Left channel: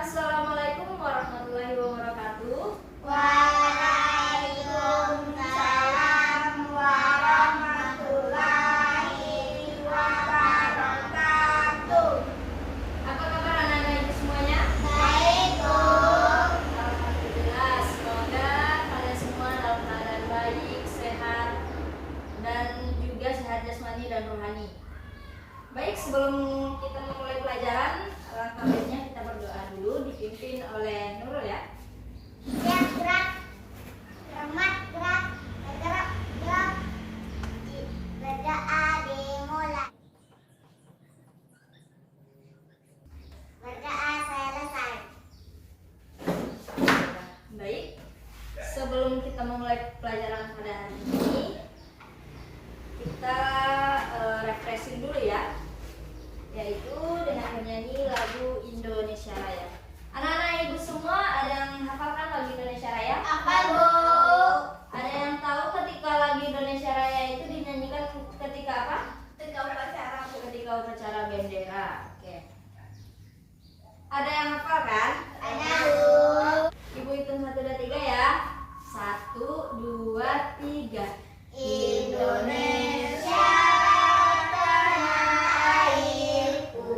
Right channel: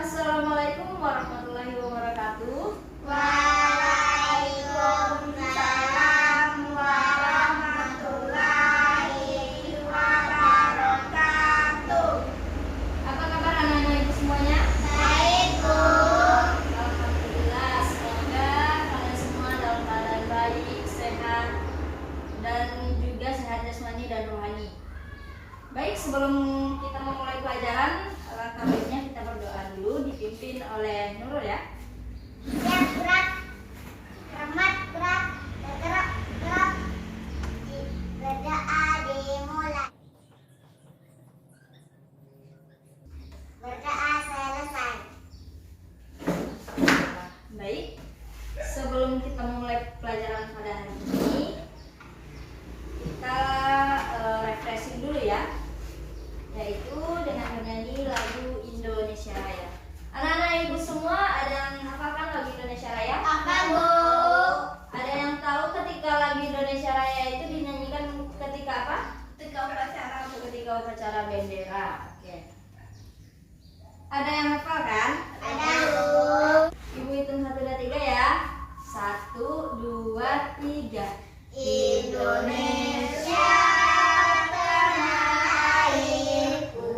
Assalamualaikum warahmatullahi wabarakatuh. Waalaikumsalam warahmatullahi wabarakatuh. Apa kabar anak-anak ibu semuanya? Baik, Bu. Alhamdulillah, semoga kalian semua dalam keadaan baik, sehat, dan juga sehat jasmani dan rohani. Baik, sebelum kita memulai pelajaran, alangkah baiknya kita berdoa dulu, dipimpin oleh Nurul ya. Siap, gerak. Cermat, gerak. Bergerak, gerak. Berdoa dimulai. Berdoa selesai. Baik, sebelum kita memulai pelajaran pada hari ini, kita refreshing dulu ya, yaitu dengan menyanyi lagu Indonesia Raya. Anak-anak ibu semua ada yang hafalkan lagu Indonesia Raya? Hafal, Bu. Ada yang tahu ketika lagu Indonesia Raya itu dinyanyikan ketika apa? Ketika upacara, Bu. Ketika upacara bendera. Oke. Ada yang hafal kan? Ada, Bu. Ibu hitung 1, 2, 3 ya. 1, 2, 3. Indonesia tanah airku,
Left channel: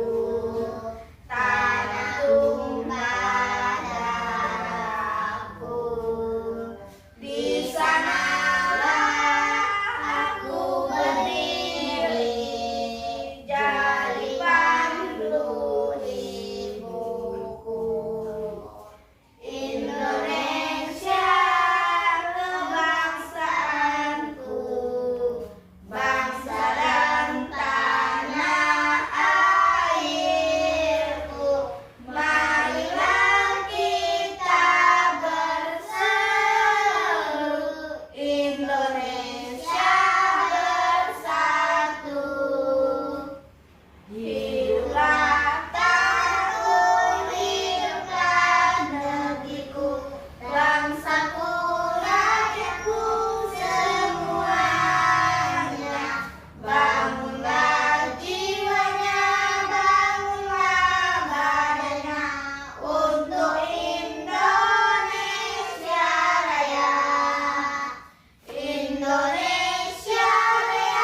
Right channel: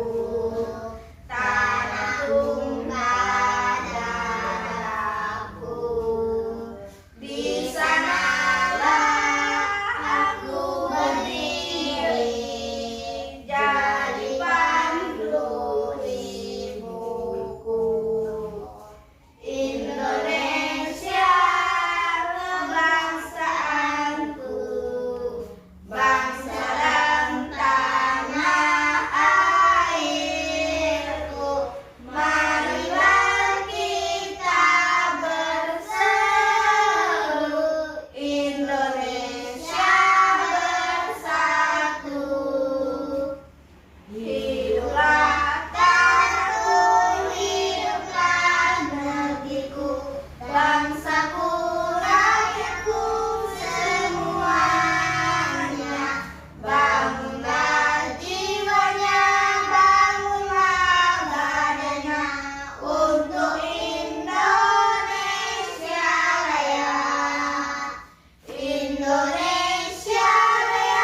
tanah tumpah darahku. Di sanalah aku berdiri, jadi pandu ibuku. Indonesia kebangsaanku, bangsa dan tanah airku. Marilah kita berseru, Indonesia bersatu. Hiduplah Tarung, hiduplah negeriku, bangsaku, rakyatku semuanya. Bangunlah jiwanya, bangunlah badannya, untuk Indonesia Raya. Indonesia Raya,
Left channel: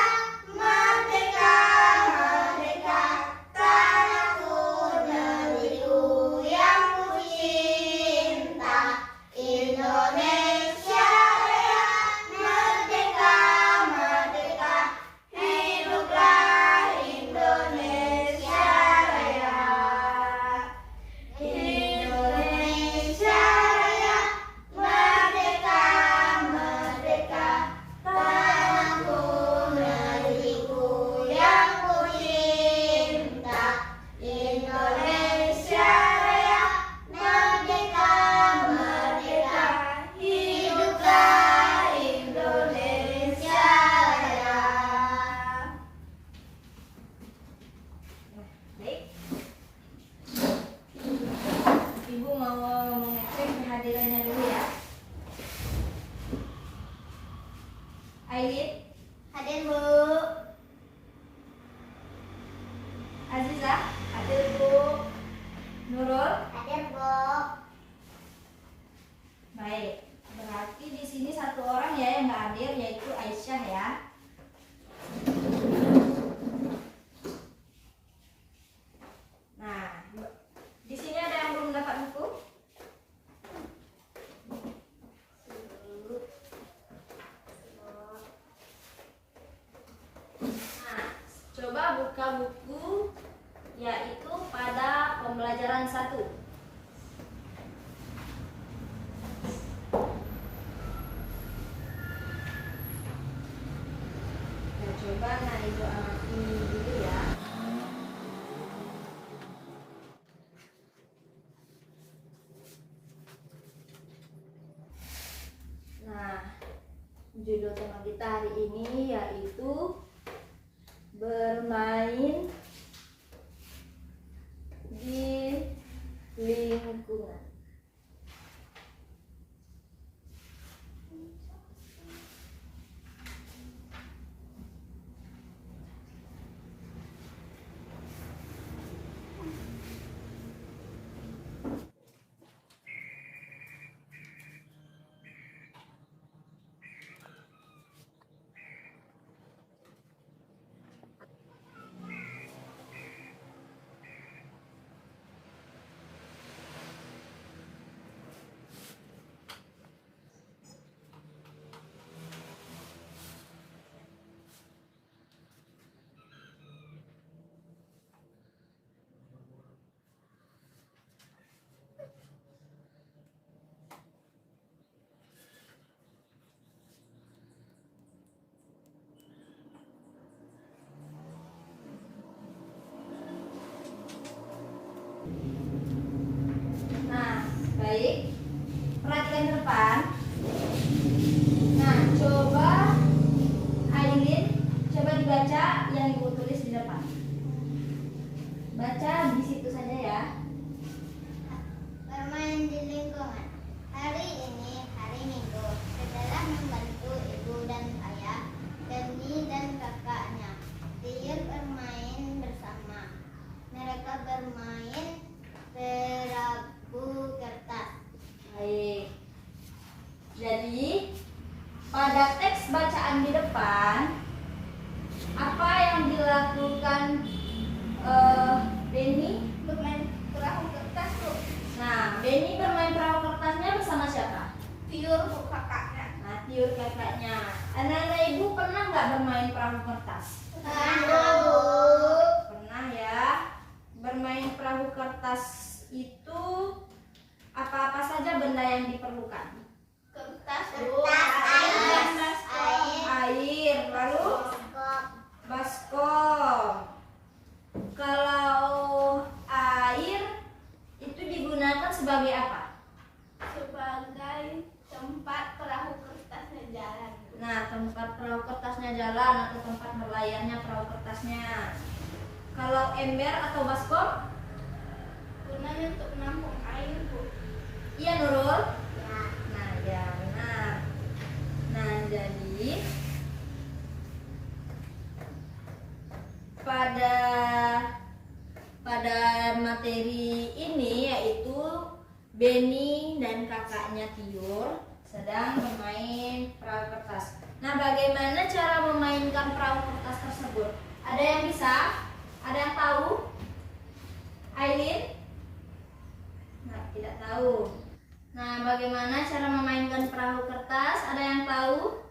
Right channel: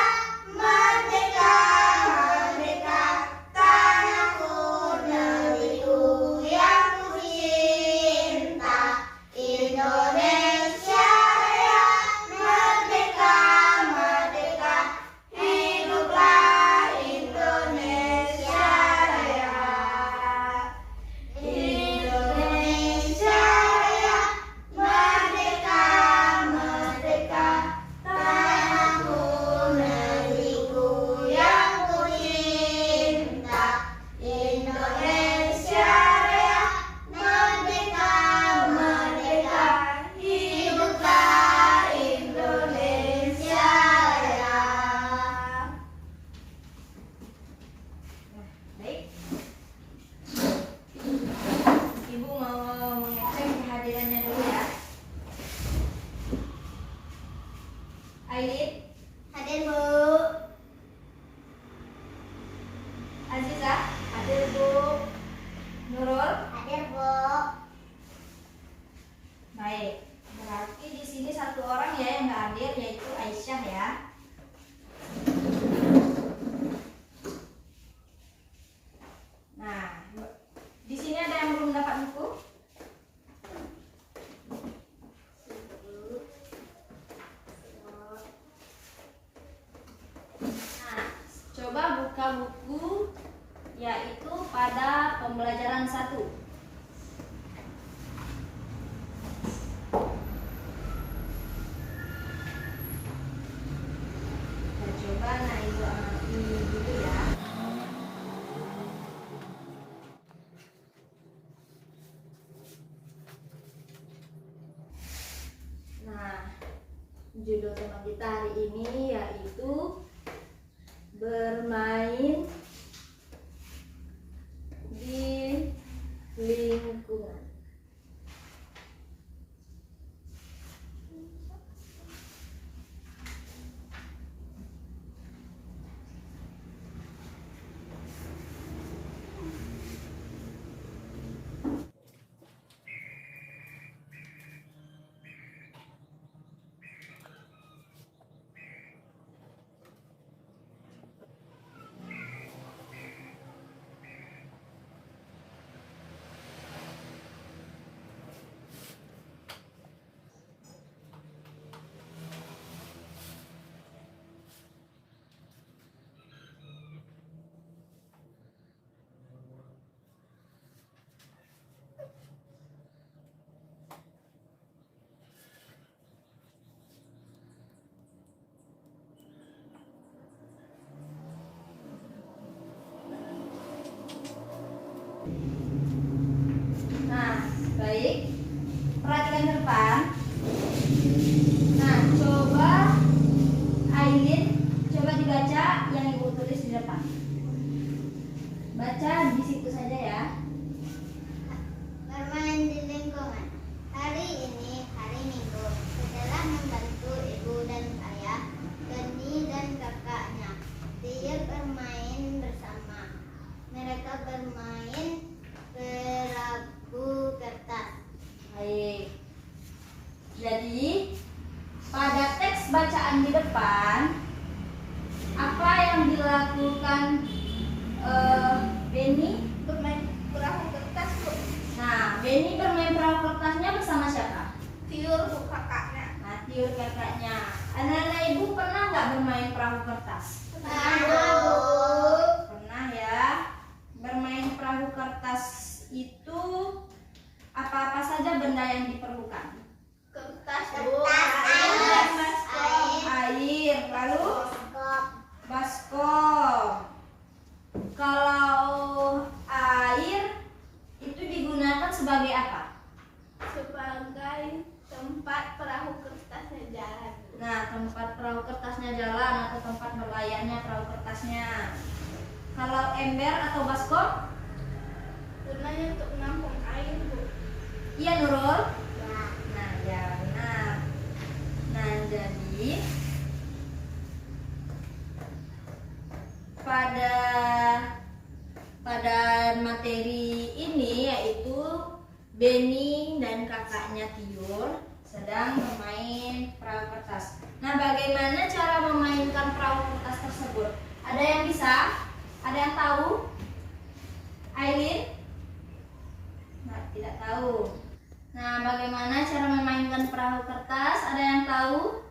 merdeka, merdeka, tanahku, negeriku yang ku cinta. Indonesia Raya, merdeka, merdeka, hiduplah Indonesia Raya. Indonesia Raya, merdeka, merdeka, tanahku, negeriku yang ku cinta. Indonesia Raya, merdeka, merdeka, hiduplah Indonesia Raya. Baik. Ibu mau mengecek kehadirannya dulu ya. Aidit, Hadir, Bu. Aziza, hadir Bu. Nurul, Hadir, Bu. baik. Berarti di sini satu orang ya yang nggak hadir, yaitu Aisyah ya. Nah, di sini ada yang belum dapat buku? Nah, coba buka buku yaitu pada pembelajaran 1. Nah, coba ibu anak ini dulu ya. Nah, judul tema kita hari ini yaitu bermain di lingkungan. bacaan di depan, apa yang dilakukan Benny? Bermain perahu kertas Bu. Nah, Benny bermain perahu kertasnya bersama siapa? Tiur Bu kakaknya. Nah, Tiur kakaknya. Anak-anak ibu pernah nggak bermain perahu kertas? Pernah Bu. Pernah ya. Bermain perahu kertas itu apa-apa saja benda yang diperlukan? Kertas Bu. Air, lalu baskom. Kalau air itu digunakan sebagai apa? Sebagai tempat perahu kertasnya jalan. Nah, tempat perahu kertasnya jalan atau tempat berlayarnya perahu kertasnya. Kalau ember atau baskom? Gunanya untuk menampung air Bu. Iya, Nurul? Ya. Nah, ya benar. Nah, jadi pada materi ini yaitu Benny dan kakaknya Tiur sedang bermain perahu kertas. Nah, bagaimana cara memainkan perahu kertas tersebut? Ada yang bisa? Ada yang tahu? Aileen? Nah, tidak tahu. Nah, bagaimana cara memainkan perahu kertas? Ada yang tahu?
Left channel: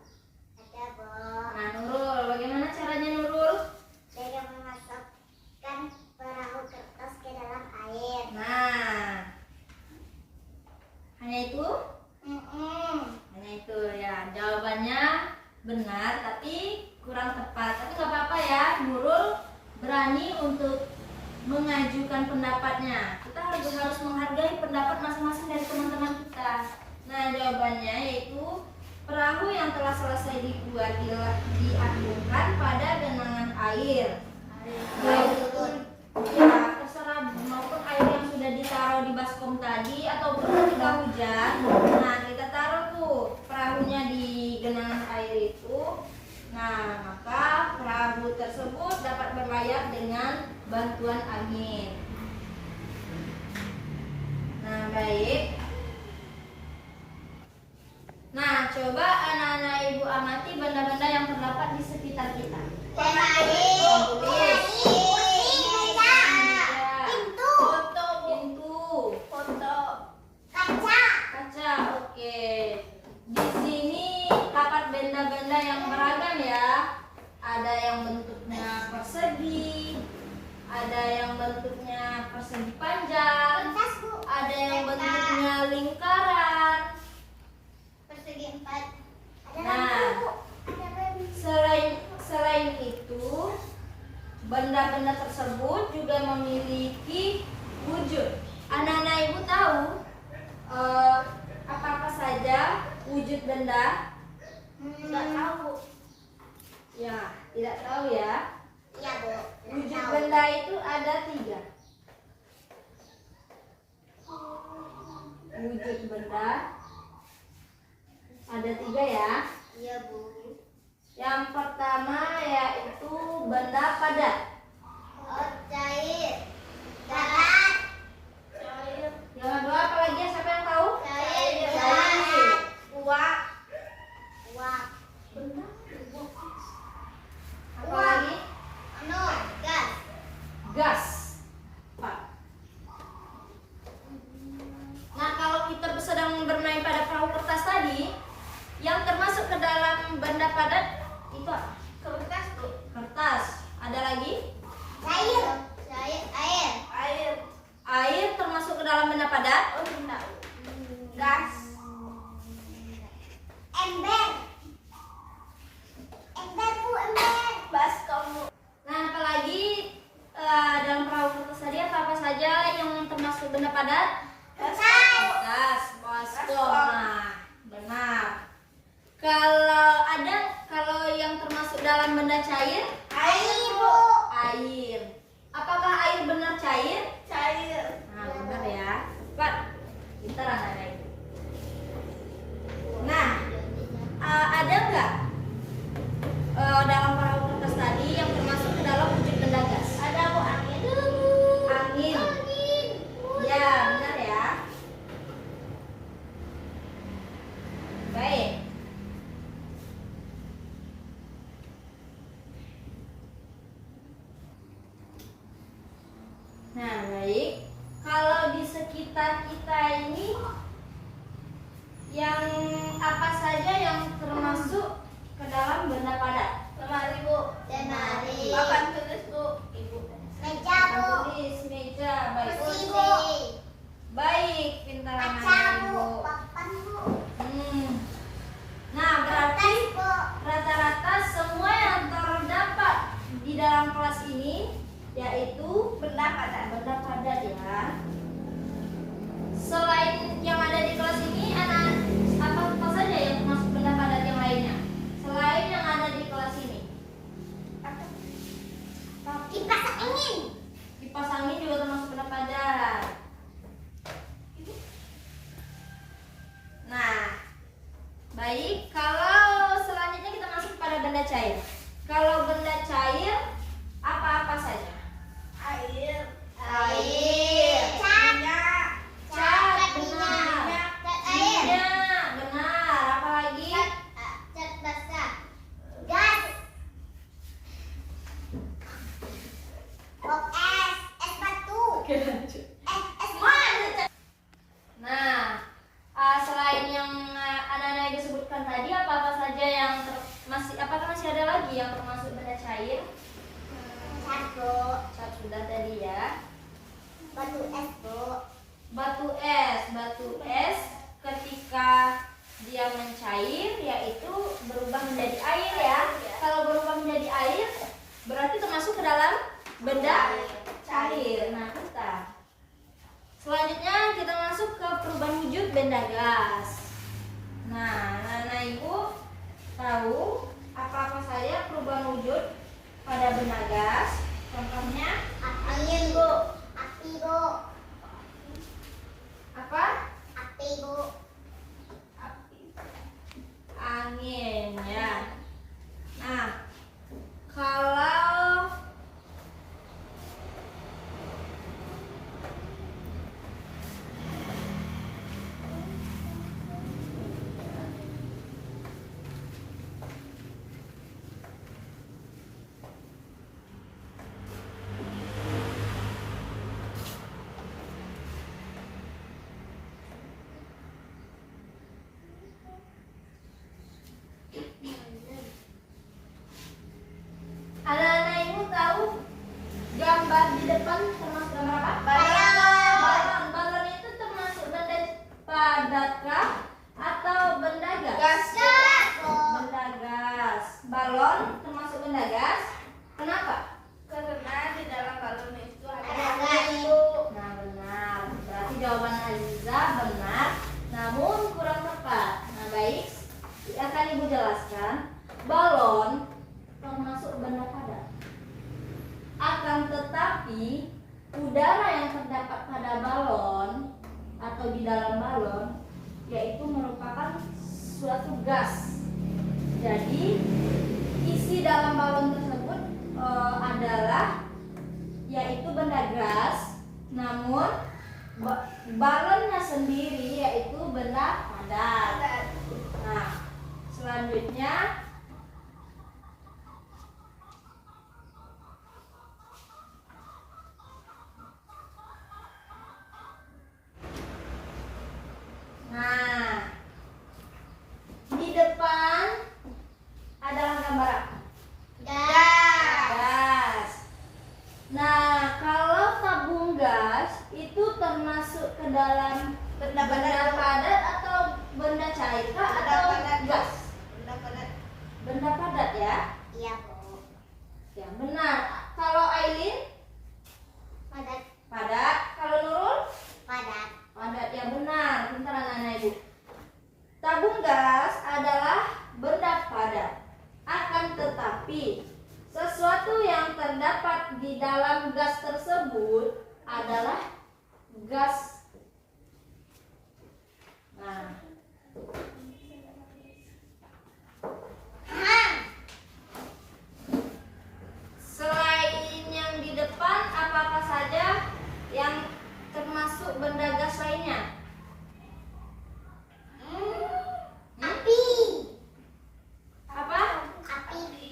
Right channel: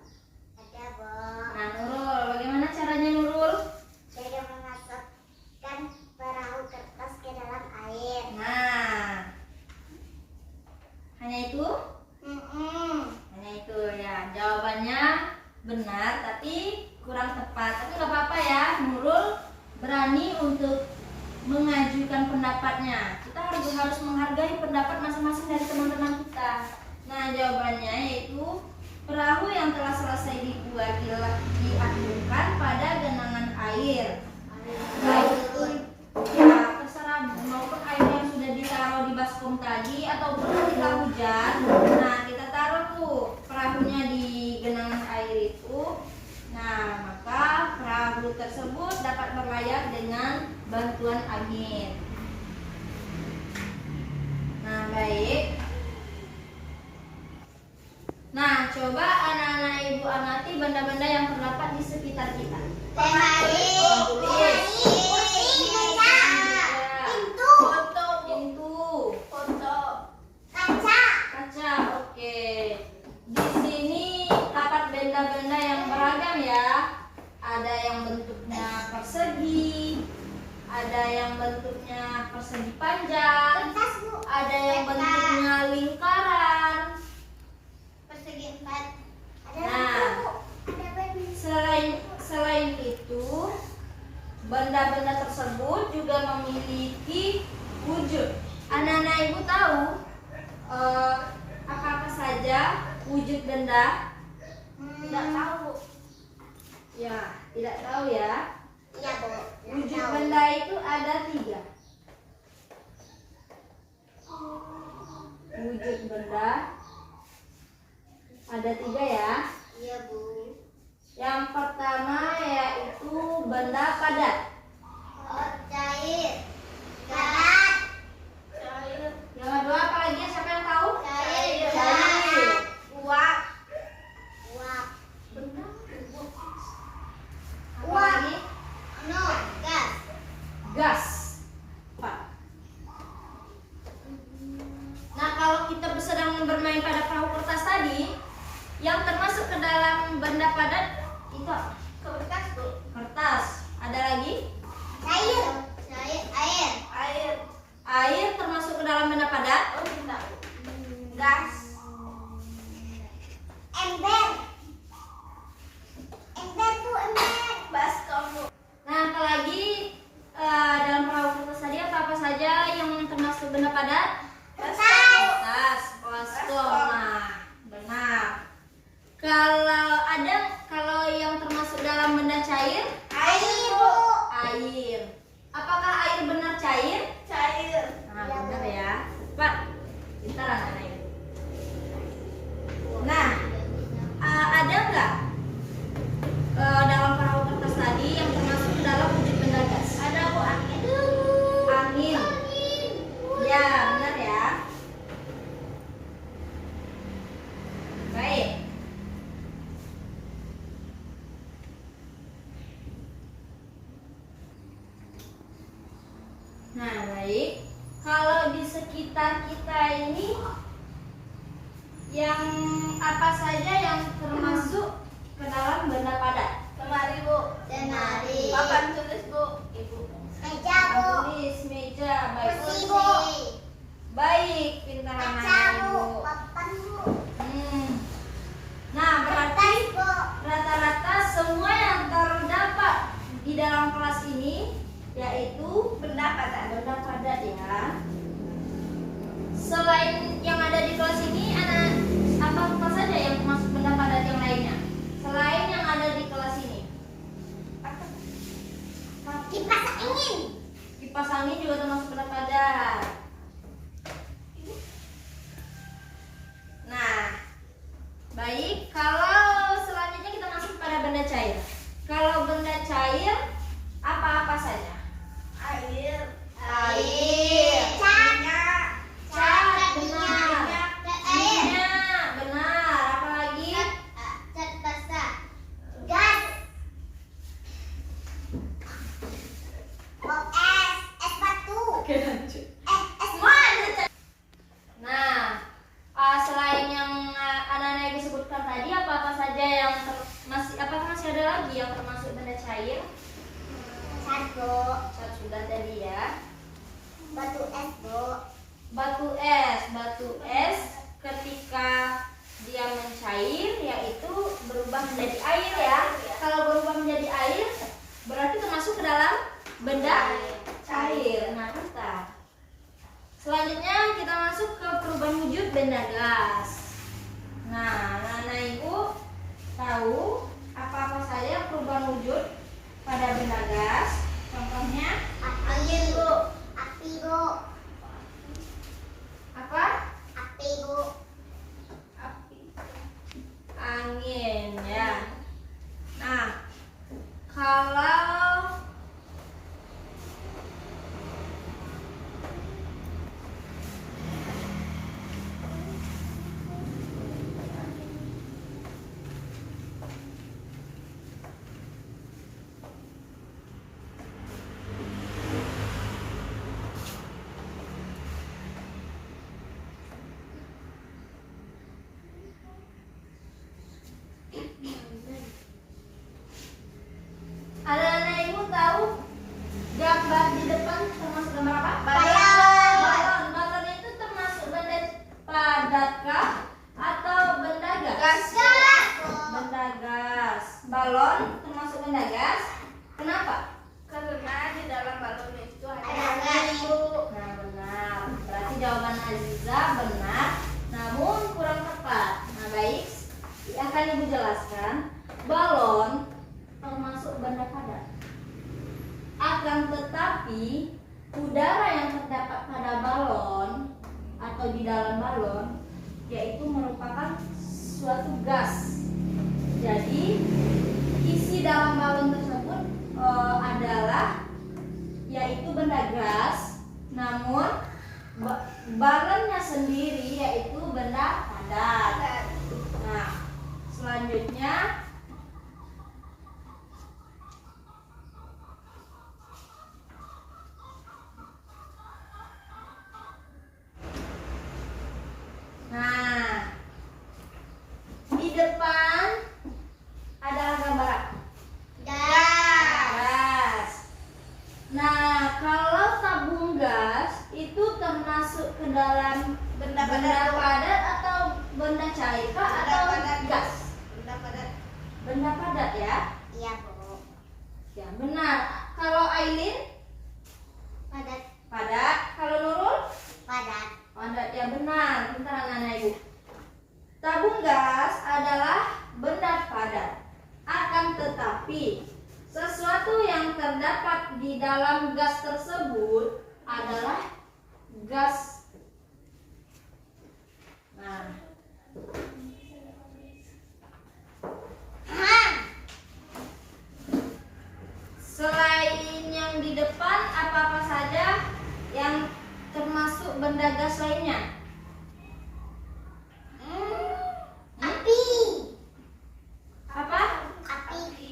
Ada Bu. Nah, Nurul, bagaimana caranya Nurul? Saya memasukkan perahu kertas ke dalam air. Nah, hanya itu? Mm-mm. Hanya itu ya. Jawabannya benar, tapi kurang tepat. Tapi nggak apa-apa ya. Nurul berani untuk mengajukan pendapatnya. Kita harus menghargai pendapat masing-masing dari teman-teman kita. Nah, jawabannya yaitu perahu yang telah selesai dibuat diakhirkan pada genangan air. Baik itu ya terserah maupun air yang sudah ditaruh di baskom tadi ataupun ketika hujan. Nah, kita taruh tuh perahunya di genangan air itu. Nah, maka perahu tersebut dapat berlayar dengan bantuan angin. Nah, baik. Nah, coba anak-anak ibu amati benda-benda yang terdapat di sekitar kita. Kaca, oke. Di sini dapat benda-benda yang beragam ya. Ada yang bentuknya persegi, ada yang bentuknya persegi panjang, ada yang bentuknya lingkaran. Selain itu, benda-benda tersebut juga memiliki wujud. Anak-anak ibu tahu apa-apa saja wujud benda? Tidak tahu. Ya, tidak tahu ya. Iya Bu. Wujud benda itu ada 3. Wujud benda ada 3 ya. Iya Bu. Yang pertama yaitu benda padat. Oh, cair. Darat. Cair. Yang kedua apa lagi? Siapa yang tahu? Cair. Cair. Uap. Uap. Apa lagi? No, gas. Gas. Pak. Nah, kalau kita sedang bermain pada perahu kertas tadi, yang termasuk ke dalam benda padat itu apa? Kertas Bu. Kertas. Ada lagi? Cair. Cair. Air. Air. Air termasuk ke dalam benda padat? Oh, tidak. Gas. Ember. Ember Bu, ember. Baskom Bu. Nah, apalagi dalam perahu kertas tadi apa saja yang termasuk benda padat? Kertas. Kertas, baskom. Nah, benar. Kalau yang termasuk dalam benda cair? Air Bu. Air. Apakah air benar cair? Cair. Nah, benar ya. Pak, pintar anak-anak itu. Nah, ada nggak dalam perahu kertas tadi yang termasuk ke dalam wujud benda gas? Ada Bu, angin. Angin. Ya, benar ya. Baik. Nah, baik. Kalau di sekitar kita ini yang apa saja yang termasuk ke dalam benda padat? Lemari, Bu. Lemari. Papan tulis, Bu. Ibu. Meja, Bu. Tulis, meja, baik. Kursi, Bu. Baik, pintar Kaca, anak Bu. Ibu. Papan, Bu. Nah, berarti Kertas, Bu. rata-rata semua yang terdapat di dalam kelas ini yaitu Benda padat. benda padat ya. Selain yang ada di kelas ini, apa saja yang termasuk benda padat yang lainnya? Selain yang ada di kelas ini, Apa? Kipas angin. kipas angin juga termasuk benda padat. Nah, baik. Kalau selanjutnya kita masuk pada benda cair. Kalau benda cair, apa-apa saja? Air. Cat. Minyak. Cat, Minyak. benar. Cat air. Minyak, benar. Apa lagi? Cat basah. Gas. Es batu. Oke, lanjut. Es batu. Nah, selain yang anak-anak Ibu sebutkan tadi, apa-apa saja yang apakah masih ada lagi yang termasuk benda cair? Satu. Cat sudah tadi ya. Batu es, Bu. Batu es ketika dia mencair yaitu berubah menjadi air ya. Kalau berubah menjadi air berarti termasuk ke dalam benda cair. Nah, kita selanjutnya kita masuk ke perubahan wujud benda gas. Nah, anak Ibu tahu apa-apa saja perubahan wujud pada benda gas? Contohnya Angin, Bu. Api, Bu. apa? Api, Bu. Angin ya. Nah, kalau anak-anak Ibu tahu gambar di depan termasuk gambar apa? Balon. Balon itu termasuk benda padatkah atau benda gas? Benda gas. Balon termasuk benda gas. Kenapa? Karena di dalam balon itu ada Ada angin, gas. Bu. Nah, benar. Berarti jawaban Aziza benar, namun kurang tepat. Nah, baik. Akan Ibu jelaskan. Balon termasuk benda padat. Akan tetapi udara yang terdapat pada balon atau di dalam balon yaitu merupakan suatu gas. Jadi isi dalam balon tersebut adalah yaitu benda gas, namun balonnya sendiri yaitu benda padat. Nah, selanjutnya di depan adalah gambar apa? Gas. Nah, kalau tabung gas itu termasuk ke dalam Benda benda padat. padat atau benda cair kah Benda atau padat, Bu. gas? Benda padat. Benda padat ya. Iya, Bu. Ya, benar. Kalau Aileen Padat. padat, kalau Nurul Padat. padat ya benar. Bentar anak-anak Ibu. Tabung gas adalah benda padat. Akan tetapi sesuatu yang terdapat di dalam gas tersebut adalah gas. Nah, selain yang di depan, apa-apa saja yang termasuk benda gas lainnya? Api. Apa? Api.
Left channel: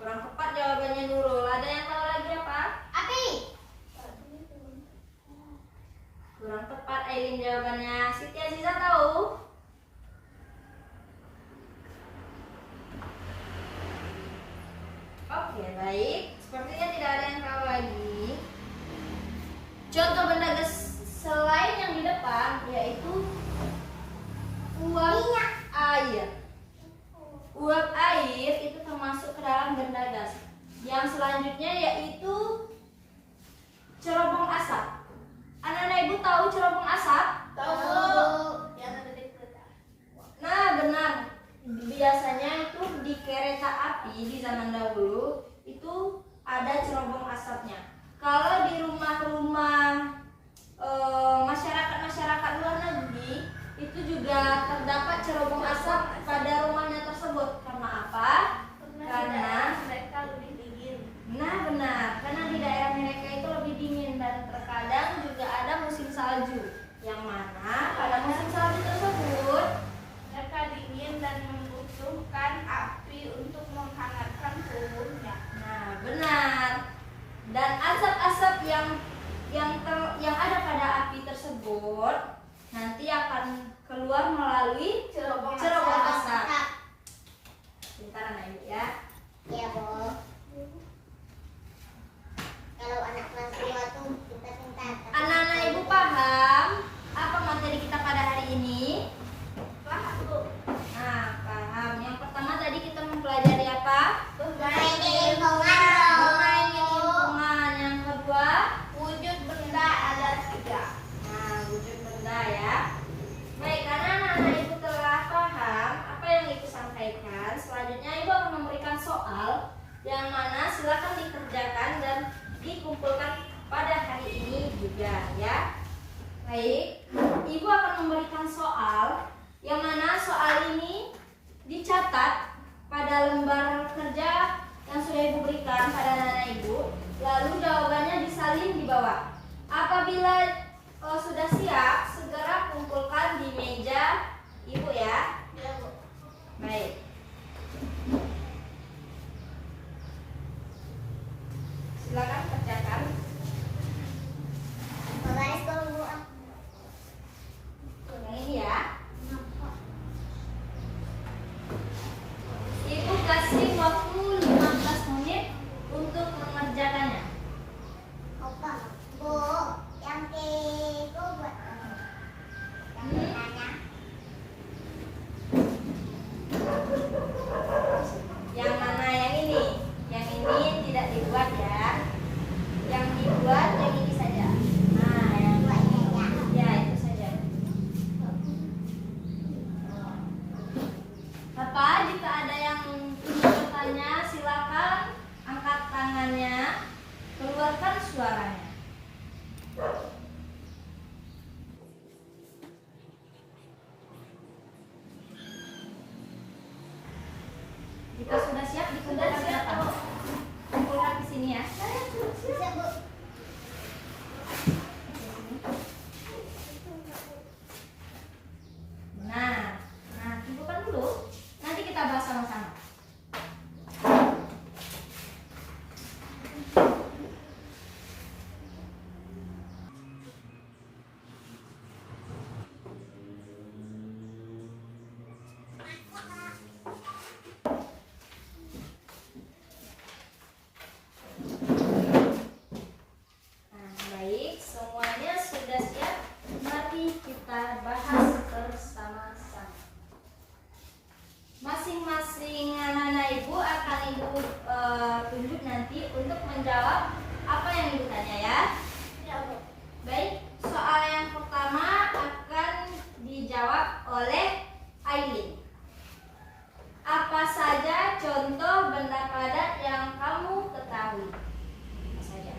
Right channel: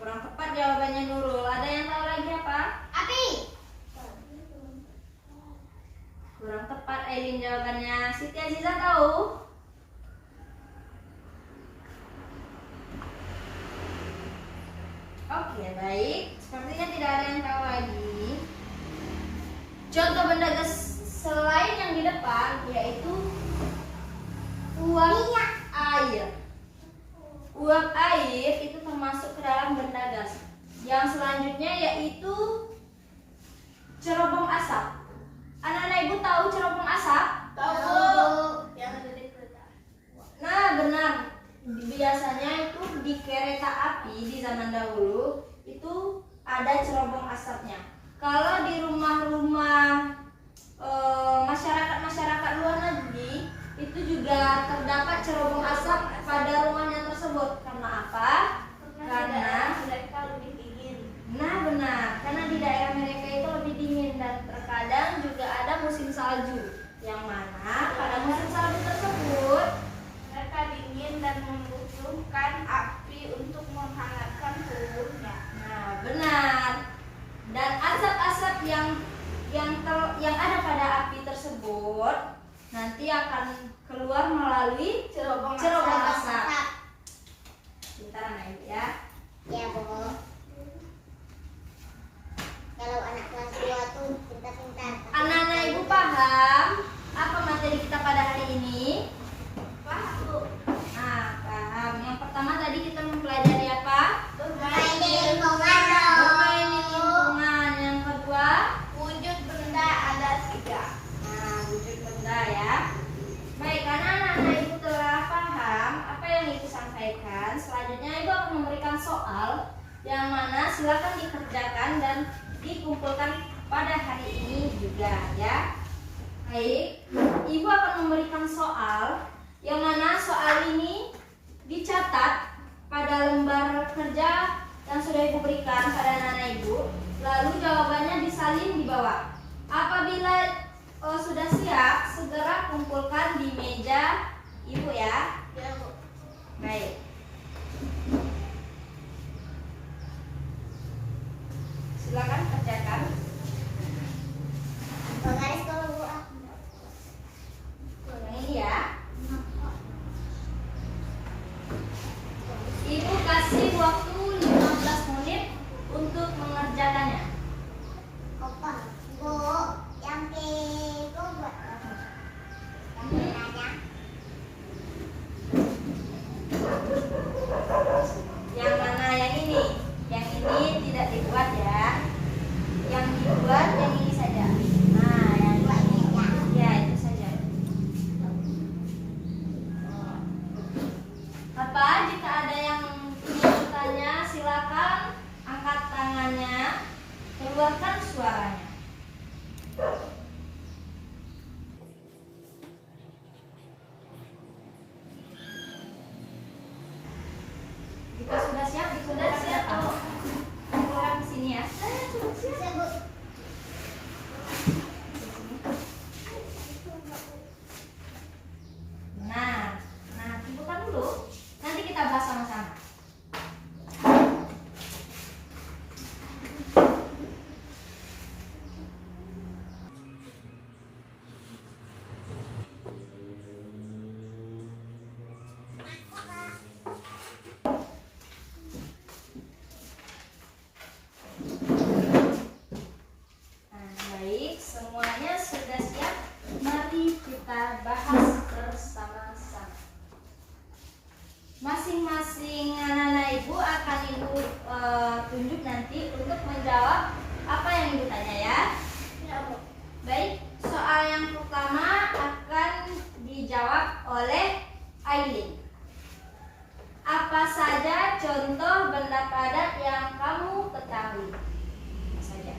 Kurang tepat jawabannya Nurul. Ada yang tahu lagi apa? Siti Aziza tahu? Oke, baik. Sepertinya tidak ada yang tahu lagi. Contoh benda gas selain yang di depan yaitu uap air. Uap air itu termasuk ke dalam benda gas. Yang selanjutnya yaitu cerobong asap. Anak-anak ibu tahu cerobong asap? Tahu. Yang ada di kereta. Nah, benar. Biasanya itu di kereta api di zaman dahulu itu ada cerobong asapnya. Kalau di rumah-rumah masyarakat luar negeri itu juga terdapat cerobong asap pada rumahnya tersebut. Karena apa? Karena mereka lebih dingin. nah benar, karena di daerah mereka itu lebih dingin dan terkadang juga ada musim salju. Yang mana pada musim salju tersebut Mereka dingin dan membutuhkan api untuk menghangatkan tubuhnya. nah benar. Dan asap-asap yang ada pada api tersebut nanti akan keluar melalui cerobong asap. Pintar anak ibu ya. Ya, Bu. Kalau anak kelas 2 tuh pintar-pintar. Anak-anak ibu paham apa materi kita pada hari ini? Paham, Bu? Nah, paham. Yang pertama tadi kita mempelajari apa? Bermain di lingkungan dong. Bermain di lingkungan. Yang kedua, Wujud benda ada 3. nah, wujud benda ya. Baik, karena anak-anak ibu telah paham apa yang ibu sampaikan, selanjutnya ibu akan memberikan soal yang mana silakan dikerjakan dan dikumpulkan pada hari ini juga ya. Baik, ibu akan memberikan soal yang mana soal ini dicatat pada lembar kerja yang sudah ibu berikan pada anak-anak ibu. Lalu jawabannya disalin di bawah. Apabila sudah siap, segera kumpulkan di meja ibu ya. Ya, Bu. Baik. Silakan kerjakan. Garis dulu, Bu. Yang ini ya. Ibu kasih waktu 15 menit untuk mengerjakannya. Opa, Bu, yang itu buat apa? Yang benarnya. Yang mana yang ini? Yang ini tidak dibuat ya. Yang dibuat yang ini saja. Nah, yang ini. Ya, itu saja. Bapak, jika ada yang ingin bertanya, silakan angkat tangannya, keluarkan suaranya. Jika sudah siap, dikumpulkan Sudah siap, datang. Bu. Kumpulkan ke sini ya. Bisa, Bu. Nah, kumpulkan dulu. Nanti kita bahas sama-sama. Nah, baik, semuanya sudah siap. Mari kita bahas bersama-sama. Masing-masing anak-anak ibu akan ibu tunjuk nanti untuk menjawab apa yang ibu tanya ya. Ya, Bu. Baik, soal yang pertama akan dijawab oleh Aileen. Apa saja contoh benda padat yang kamu ketahui? Apa saja?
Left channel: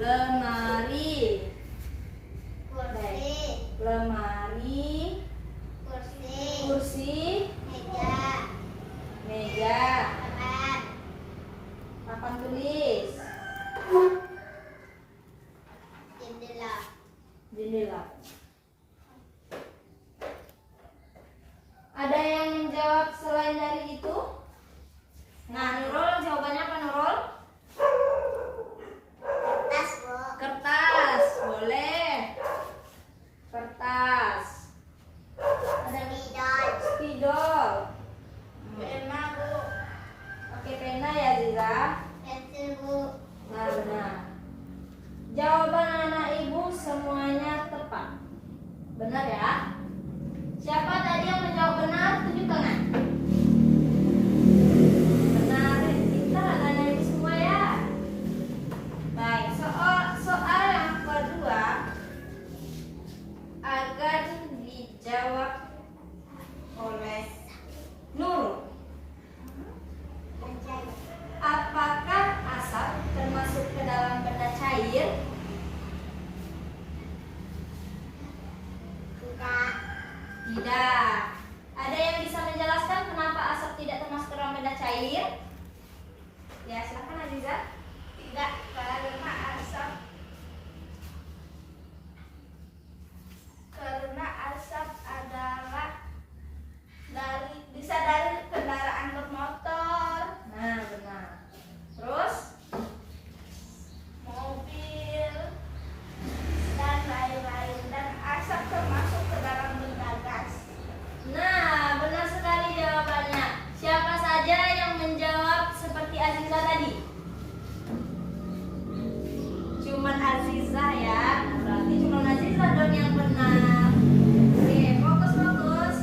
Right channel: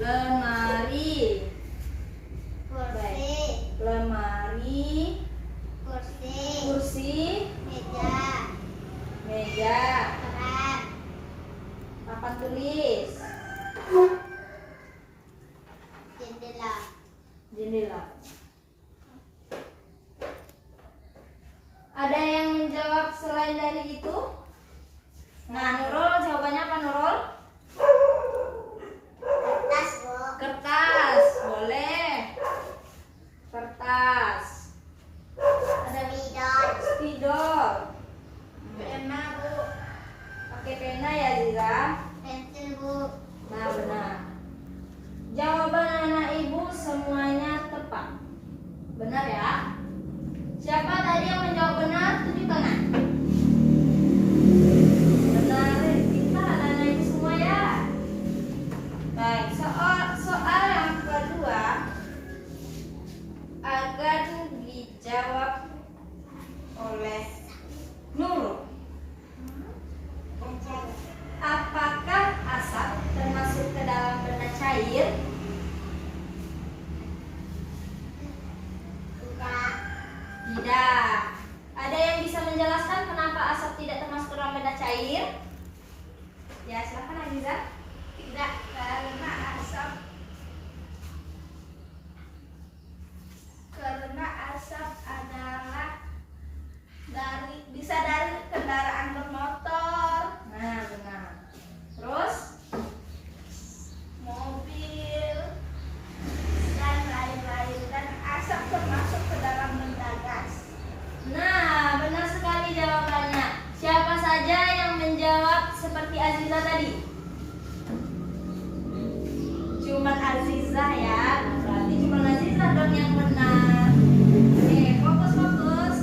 Lemari, Kursi, lemari, kursi, kursi, meja, meja, keran, papan tulis, jendela. jendela. Ada yang menjawab selain dari itu? Nah, Nurul jawabannya apa Nurul? Kertas, Bu. Kertas, boleh. Tidak. Ada yang bisa menjelaskan kenapa asap tidak termasuk dalam benda cair? Ya, silakan Aziza. Tidak, karena asap adalah bisa dari kendaraan bermotor, Nah, benar. Terus? mobil, dan lain-lain, dan asap termasuk ke dalam benda gas. Nah, benar sekali jawabannya. Siapa saja yang menjawab seperti Aziza tadi? Cuman Aziza ya. Berarti cuman Aziza dong yang benar. Oke, fokus.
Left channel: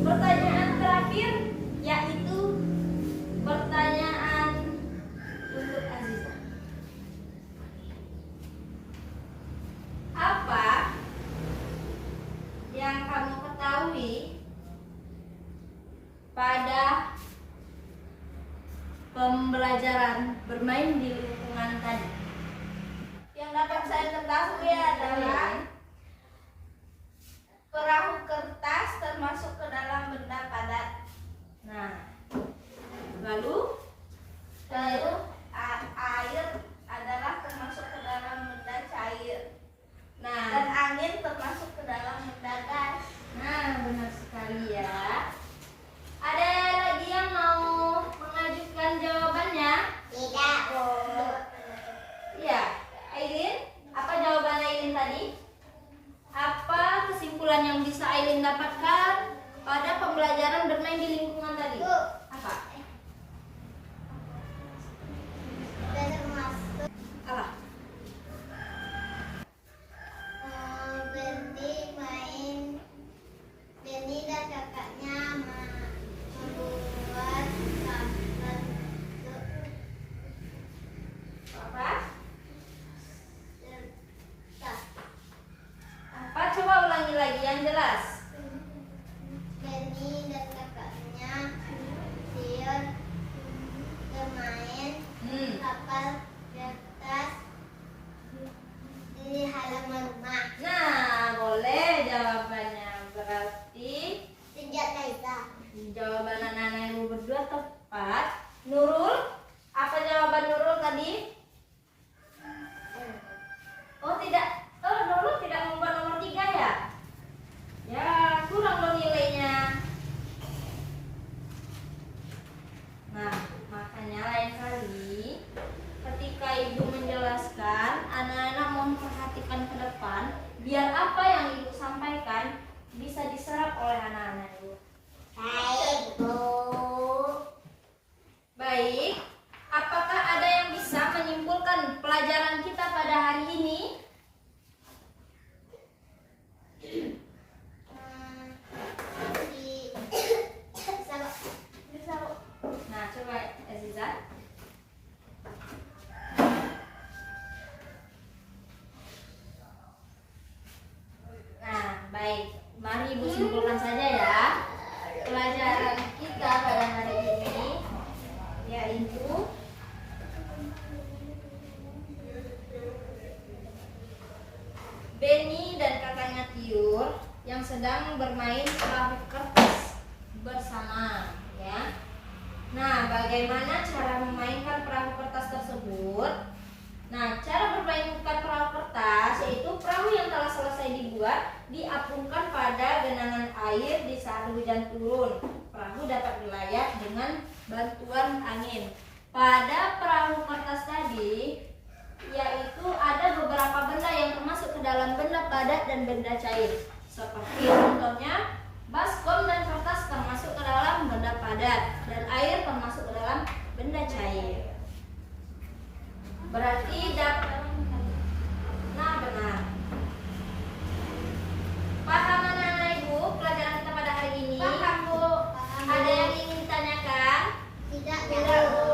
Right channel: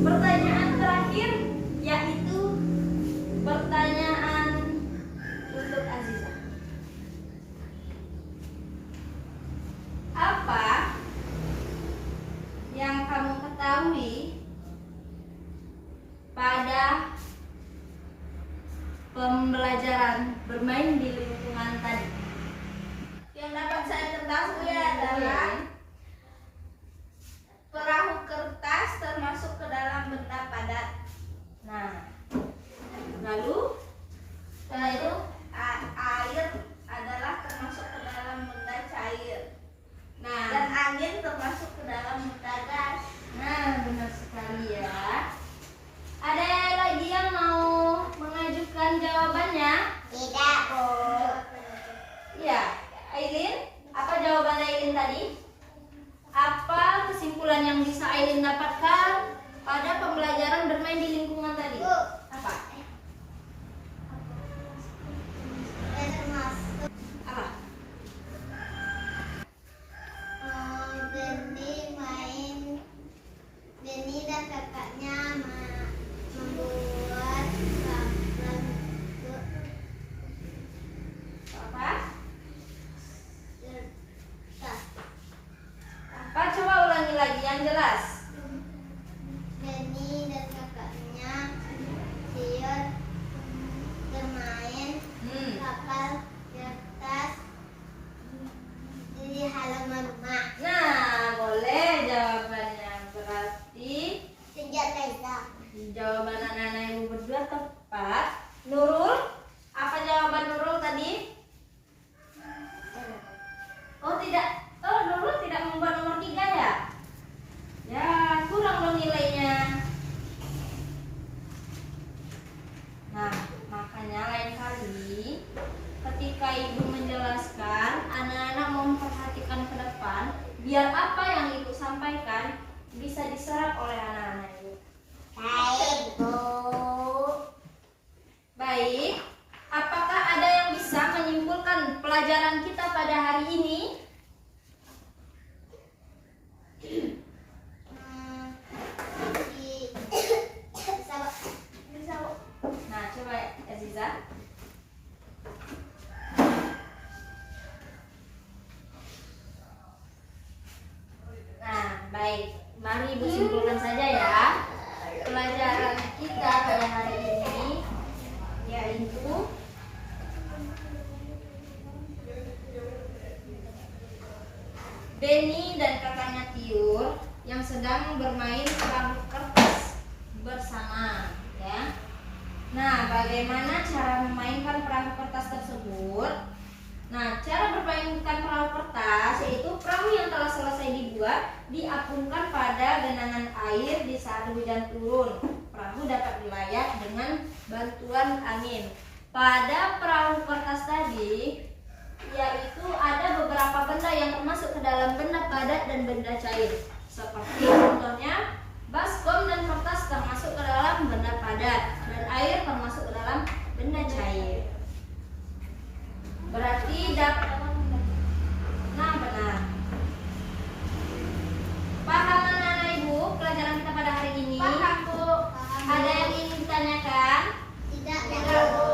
Pertanyaan terakhir yaitu pertanyaan untuk Aziza. Apa yang kamu ketahui pada pembelajaran bermain di lingkungan tadi? Yang dapat saya ketahui adalah perahu kertas termasuk ke dalam benda padat. Nah, lalu Air adalah termasuk ke dalam benda cair, nah, dan angin termasuk ke dalam benda gas. nah benar sekali ya. Ada lagi yang mau mengajukan jawabannya? Tidak. Iya, Aileen, apa jawaban Aileen tadi? Apa kesimpulan yang bisa Aileen dapatkan pada pembelajaran bermain di lingkungan tadi? Apa? Termasuk Apa? Benny dan kakaknya membuat Apa? kertas. Apa? Coba ulangi lagi yang jelas. Benny dan kakaknya siun bermain kapal kertas di halaman rumah. Nah, boleh jawabannya. Berarti Senjata itu. jawaban anak-anak ibu berdua tepat. Nurul, apa jawaban Nurul tadi? Oh tidak, Nurul tidak membuat nomor 3 ya? Ya, kurang dong nilainya. Nah, makanya lain kali ketika ibu menjelaskan, anak-anak memperhatikan ke depan, biar apa yang ibu sampaikan bisa diserap oleh anak-anak ibu. Baik, Bu. Baik, apakah ada yang bisa menyimpulkan pelajaran kita pada hari ini? Bisa, Bu. Nah, coba Aziza. Nah, baik. Mari ibu simpulkan saja ya. Pelajaran kita pada hari ini yaitu Benny dan kakaknya Tiur yang sedang bermain perahu kertas bersama, ya. Nah, bagaimana cara memainkan perahu kertas tersebut? Nah, cara bermainkan perahu kertas yaitu perahu yang telah selesai dibuat diapungkan pada genangan air di saat hujan turun. Perahu dapat berlayar dengan bantuan angin. Pada perahu kertas tadi, yaitu ada beberapa benda yang termasuk ke dalam benda padat dan benda cair. Seperti contohnya, baskom dan kertas termasuk ke dalam benda padat dan air termasuk ke dalam benda cair. Berarti dapat. Nah, benar. Paham anak-anak ibu pelajaran kita pada hari ini? Paham, Bu. Ada yang ingin ditanyakan? Tidak, Tidak, Bu.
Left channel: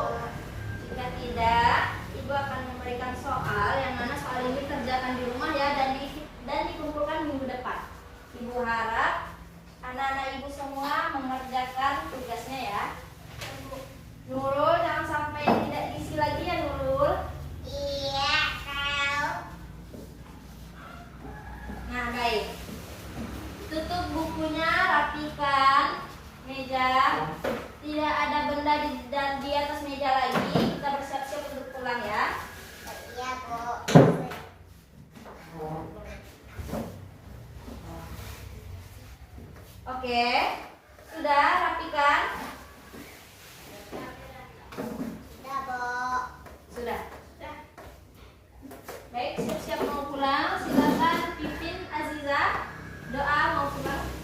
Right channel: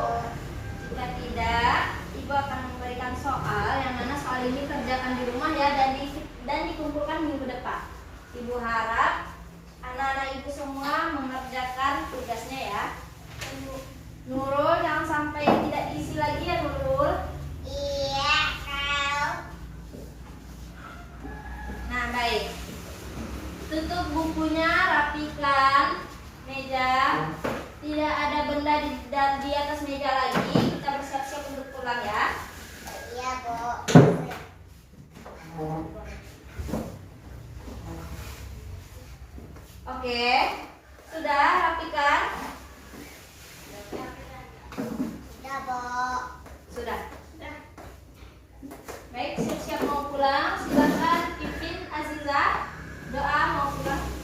Jika tidak, ibu akan memberikan soal yang mana soal ini kerjakan di rumah ya, dan dikumpulkan minggu depan. Ibu harap anak-anak ibu semua mengerjakan tugasnya ya. Nurul, jangan sampai tidak diisi lagi ya Nurul. Iya, kau. Nah, baik. Tutup bukunya rapikan meja. Tidak ada benda di atas meja lagi. Kita bersiap-siap untuk pulang ya. Iya, Bu. Oke, sudah rapikan? Sudah, Bu. Sudah. Baik, siap-siap mau pulang. Silakan Pipin, Aziza, doa mau pulang.